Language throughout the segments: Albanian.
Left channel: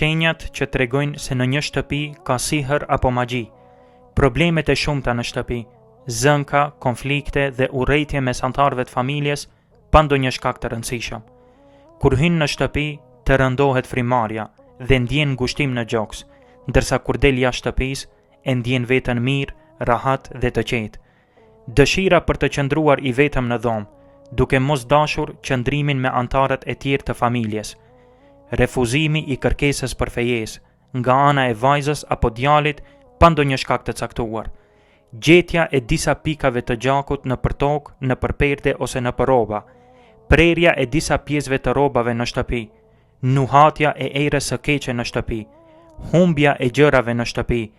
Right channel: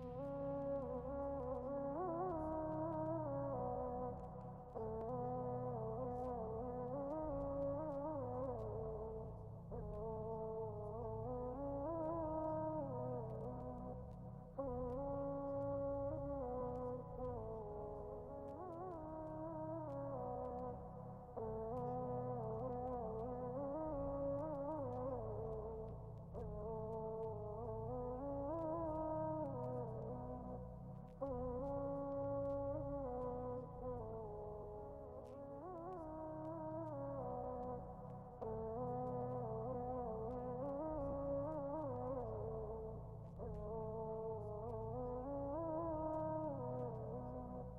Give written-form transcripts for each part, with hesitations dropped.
shenjat që tregojnë se në një shtëpi ka sihër apo magji, problemet e shumta në shtëpi, zënka, konflikte dhe urrëtie mes anëtarëve të familjes pa ndonjë shkak të rëndësishëm. Kur hyn në shtëpi, të rëndohet frymarrja dhe ndjen ngushtim në gjoks, ndërsa kur del jashtë shtëpisë, e ndjen veten mirë, rahat dhe të qetë. Dëshira për të qëndruar i vetëm në dhomë, duke mos dashur qëndrimin me anëtarët e tjerë të familjes. Refuzimi i kërkesës për fejesë nga ana e vajzës apo djalit pa ndonjë shkak të caktuar. Gjetja e disa pikave të gjakut në tokë, në perde ose në rroba. Prerja e disa pjesëve të rrobave në shtëpi. Nuhatja e erës së keqe në shtëpi. Humbja e gjërave në shtëpi.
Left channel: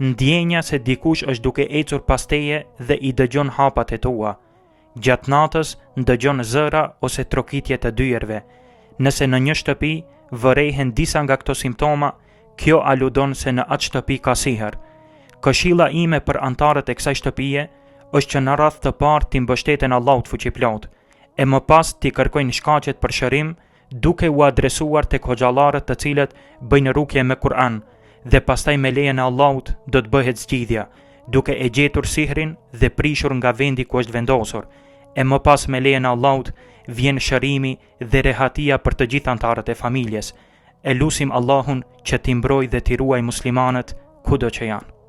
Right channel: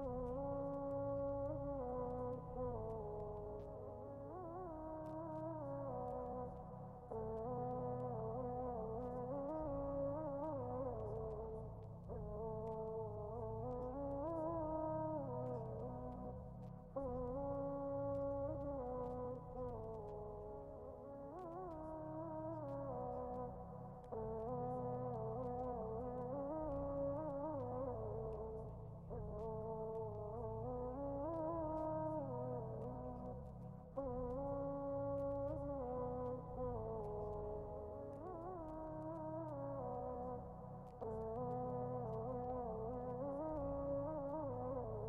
Ndjenja se dikush është duke ecur pas teje dhe i dëgjon hapat e tua. Gjatë natës ndëgjon zëra ose trokitje të dyerve. Nëse në një shtëpi vërehen disa nga këto simptoma, kjo aludon se në atë shtëpi ka sihër. Këshilla ime për anëtarët e kësaj shtëpie është që në radhë të parë t'i mbështeten Allahut fuqiplot, e më pas t'i kërkojnë shkaqet për shërim, duke u adresuar tek hoxhallarët të cilët bëjnë rukje me Kur'an, dhe pastaj me lejen e Allahut do të bëhet zgjidhja, duke e gjetur sihrin dhe prishur nga vendi ku është vendosur. E më pas me lejen e Allahut vjen shërimi dhe rehatia për të gjithë anëtarët e familjes. E lutim Allahun që t'i mbrojë dhe t'i ruaj muslimanët kudo që janë.